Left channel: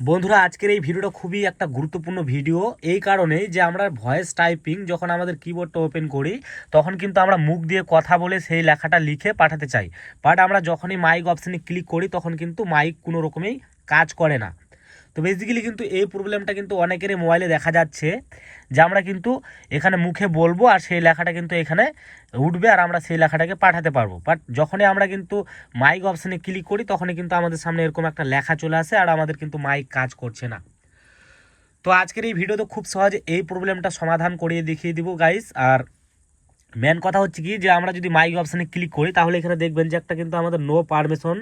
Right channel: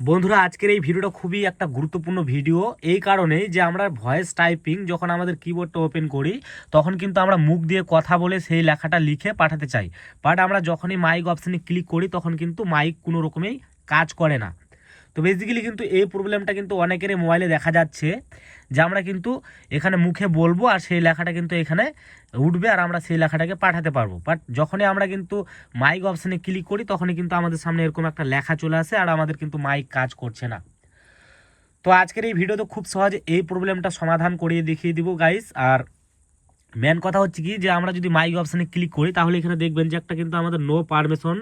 বন্ধুরা, আজকের এই ভিডিওটা খুবই একটা গুরুত্বপূর্ণ ভিডিও এই কারণে যে আমরা ভয়েস টাইপিং যখন আমাদের কিবোর্ডটা ওপেন করি তখন কিন্তু আমরা মুখ দিয়ে কথা বলে সেই লেখাটা লিখে পাঠাতে চাই। বাট আমরা যখনই মাইক অপশানে ক্লিক করি তখন কিন্তু মাইক কোনো রকমেই কাজ করে না। তো বেসিক্যালি কিন্তু এই প্রবলেমটা কিন্তু অনেকেরই মোবাইলে দেখা যাচ্ছে যে আমরা কিন্তু এখানে মুখে বলবো আর সেই লেখাটা কিন্তু এখানে উঠবে আর আমরা সেই লেখাটাকে পাঠাতে পারবো। বাট যখনই আমরা কিন্তু মাইক অপশানে ক্লিক করি তখনই কিন্তু আমাদের সামনে এরকম একটা লেখা চলে আসে আর আমাদের কিন্তু মাইক কাজ করছে না। তো আজকের এই ভিডিওতে খুব সহজে এই প্রবলেমটা সমাধান করিয়ে দেখিয়ে দিব গাইস। আর মেন কথা হচ্ছে কি যে আমরা যদি মাইক অপশানে ক্লিক করি তাহলে এখানে দেখবেন যে একটা কিন্তু আমাদের নো পারমিশন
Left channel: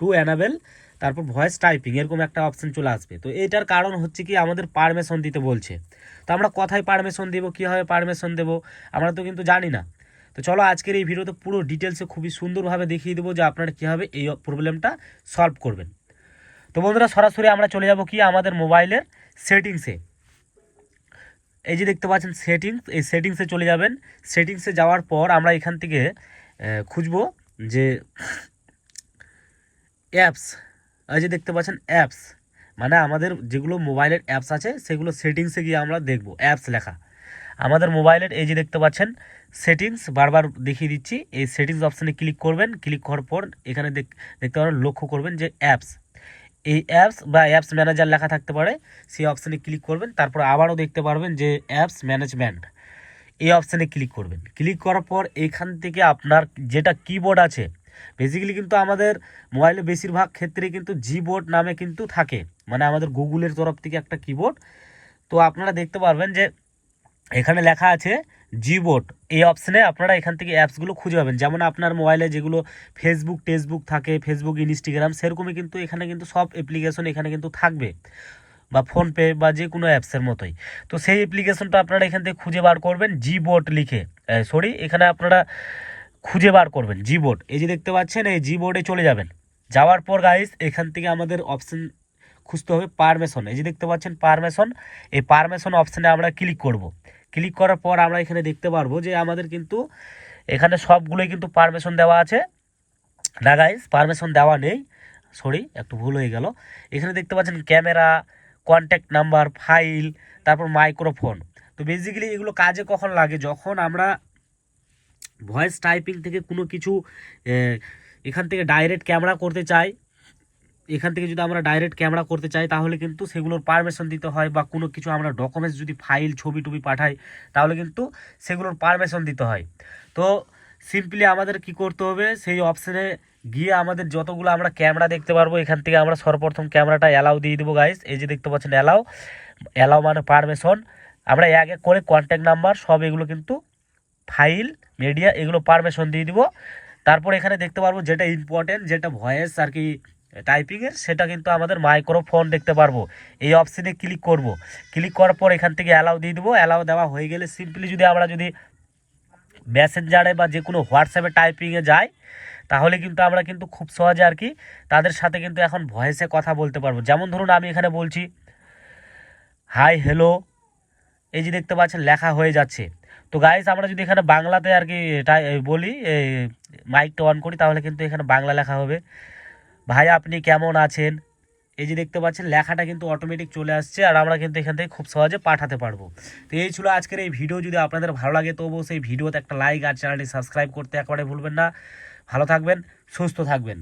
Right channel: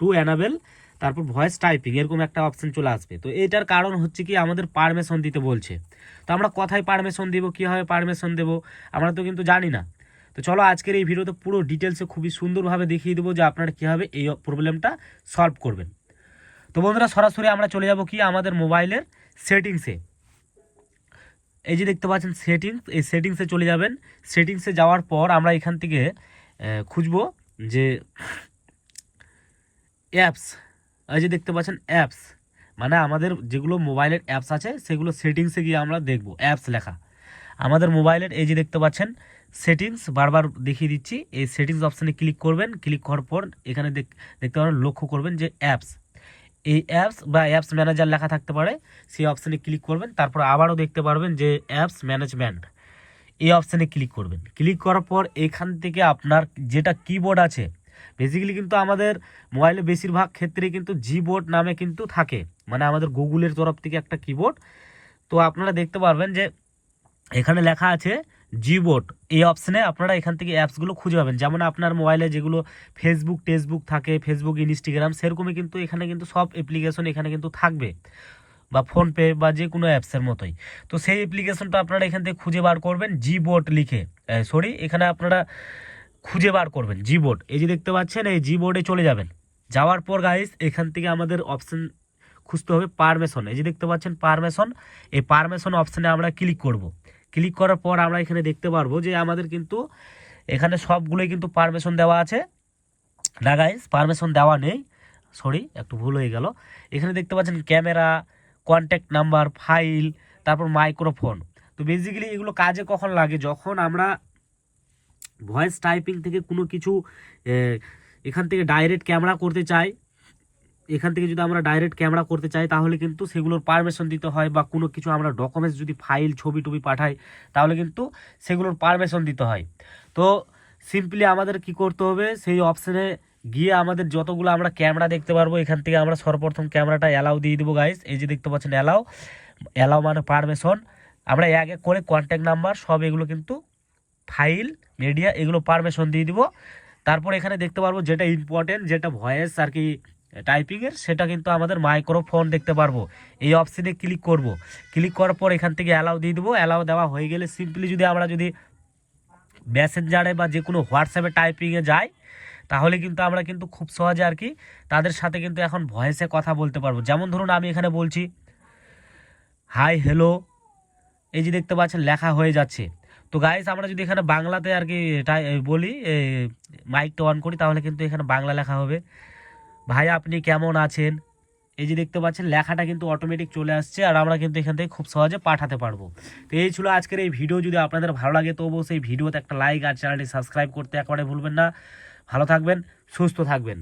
টু এনাবেল তারপর ভয়েস টাইপিং এরকম একটা অপশন চলে আসবে। তো এটার কারণ হচ্ছে কি আমাদের পারমিশন দিতে বলছে। তো আমরা কোথায় পারমিশন দেবো, কীভাবে পারমিশন দেবো আমরা তো কিন্তু জানি না। তো চলো আজকের এই ভিডিওতে পুরো ডিটেলসে খুবই সুন্দরভাবে দেখিয়ে দেবো যে আপনারা কীভাবে এই প্রবলেমটা সলভ করবেন। তো বন্ধুরা, সরাসরি আমরা চলে যাব কি আমাদের মোবাইলের সেটিংসে। এই যে দেখতে পাচ্ছেন সেটিংস, এই সেটিংসে চলে যাবেন। সেটিংসে যাওয়ার পর আমরা এখান থেকে খুঁজবো যে অ্যাপস। এই যে দেখতে পাচ্ছেন অ্যাপস, মানে আমাদের যেগুলো মোবাইলের অ্যাপস আছে সেগুলো সেটিংসে গিয়ে আমরা দেখব অ্যাপস লেখা আমাদের মোবাইলের। এই যে দেখতে পাচ্ছেন সেটিংস, বারবার দেখিয়ে দিচ্ছি। এই সেটিংস অপশানে ক্লিক করবেন, ক্লিক করার পর এখানে দেখতে পাবেন, লক্ষ্য করবেন যে অ্যাপস, এই অ্যাপস বা অ্যাপস ম্যানেজার লেখা থাকতে পারে, সেই অপশানে ক্লিক করবেন। তারপর আবারও দেখতে পারবেন যে অ্যাপস ম্যানেজমেন্ট, এই অপশানে ক্লিক করবেন। ক্লিক করার পর এখান থেকে আপনার যেটা কিবোর্ড আছে, বেসিক্যালি কিন্তু আমাদের মোবাইলে বেশিরভাগ ক্ষেত্রে কিন্তু জিবোর্ড নামে কিন্তু থাকে, মানে আমাদের গুগলের তরফ থেকে একটা কিবোর্ড। তো আপনারা দেখতে পারবেন যে এখানে লেখা আছে জিবোর্ড। এই অপশানে আপনারা এখান থেকে অ্যাপসগুলো খুঁজে পাবেন। যেমন আপনার মোবাইলে যেগুলো ফেসবুক টেসবুক থাকে, ফেসবুক ইনস্টাগ্রাম, সেরকমই কিন্তু এখানে কিন্তু সব অ্যাপ্লিকেশন এখানে কিন্তু থাকবে, বা ফোনপে বা যে কোনো অ্যাপসের মতোই। তো সেই অ্যাপ্লিকেশনটা আপনারা এখান থেকে খুঁজে বার করবেন জিবোর্ড লিখে, এখানে আপনারা খুঁজে বার করবেন জিবোর্ড। এই যে দেখতে পাচ্ছেন এই জিবোর্ডে চলে যাবেন। যাওয়ার পর গাইস এখান থেকে আমাদের অপশন খুঁজতে হবে পারমিশন। এই যে দেখতে পাচ্ছেন পারমিশন, এই পারমিশন অপশানে আমরা ক্লিক করব। ক্লিক করার পর আমরা এখানে দেখতে পারবো যে আমাদের কিন্তু এখানে সবগুলোই কিন্তু পারমিশন দেওয়া আছে না গাইস, পারমিশন দেওয়া নেই, একটু ভুল হয়ে গেল। এখানে দেখতে পাচ্ছেন ক্যামেরা, কন্ট্যাক্ট নাম্বার, ফাইল, তারপর মাইক্রোফোন। তো বেসিক্যালি এগুলো কাজে কখন লাগে, যখন আমরা ভয়েস টাইপিং থেকে কোনো কিছু এখান থেকে ডাইরেক্ট ক্যামেরা করতে চাই, এখান থেকে যদি আমরা ডাইরেক্ট ক্যামেরা করতে চাই তাহলে কিন্তু সেগুলোর পারমিশন দিতে হয়, বা কোনো কিছু আমরা ডকুমেন্টস যদি ফাইল ছবি টবি পাঠাই তাহলে কিন্তু সেগুলোর পারমিশন দিতে হয়। তো সিম্পলি আমাদের কি করতে হবে, সেই অপশানে গিয়ে আমাদের যতগুলো আমরা ক্যামেরা দেখতে পারবো এখান থেকে আমরা সর্বপ্রথম ক্যামেরাটা অ্যালাউ দিয়ে দেবো গাইস। এই যে দেখতে পাচ্ছেন অ্যালাউ, অ্যালাউ মানে পারমিশন। আমরা এক এক করে কন্ট্যাক্ট নাম্বার সব এগুলো কিন্তু ফাইল মিডিয়া এগুলো পারমিশন দিয়ে দিব। তারপর এখানে দেখতে পারবো যেটা ইম্পর্টেন্ট, যেটা ভয়েস আর কি টাইপিংয়ের, সেটা কিন্তু আমাদের মাইক্রোফোন দেখতে পারবো। এই অপশানে ক্লিক করব। ক্লিক করার পর এখান থেকে অ্যালাউ দিয়ে দেবো। অ্যালাউ দেওয়া হয়ে গেলে সিম্পলি যদি মেসেঞ্জারে বা যে কোনো হোয়াটসঅ্যাপে টাইপিংয়ে যাই তাহলে কিন্তু আমরা কিন্তু খুব সহজে আর কি তাদের সাথে কিন্তু এখন ভয়েসে কথা বলতে পারবো। যেমন ধরুন আমি এখানে বলছি হাই হ্যালো, এই যে দেখতে পাচ্ছেন লেখা হয়ে যাচ্ছে। তো গাইস আমরা যদি এখানে বাংলাতে আর কি বলি, মাইকটা অন করি তাহলে কিন্তু এখানে বাংলা লেখা হবে, ভাই আপনি কেমন আছেন। এই যে দেখতে পাচ্ছেন লেখাটা কিন্তু অটোমেটিক চলে আসছে আর আমরা কিন্তু এখান থেকে খুব সহজে পাঠাতে পারবো। তো এই ছিল আজকের এই ভিডিও। যদি আপনাদের ভালো লাগে তো অবশ্যই ভিডিওতে একটা লাইক আর চ্যানেলটি সাবস্ক্রাইব করতে একেবারে ভুলবেন না। ভালো থাকবেন, সুস্থ থাকবেন।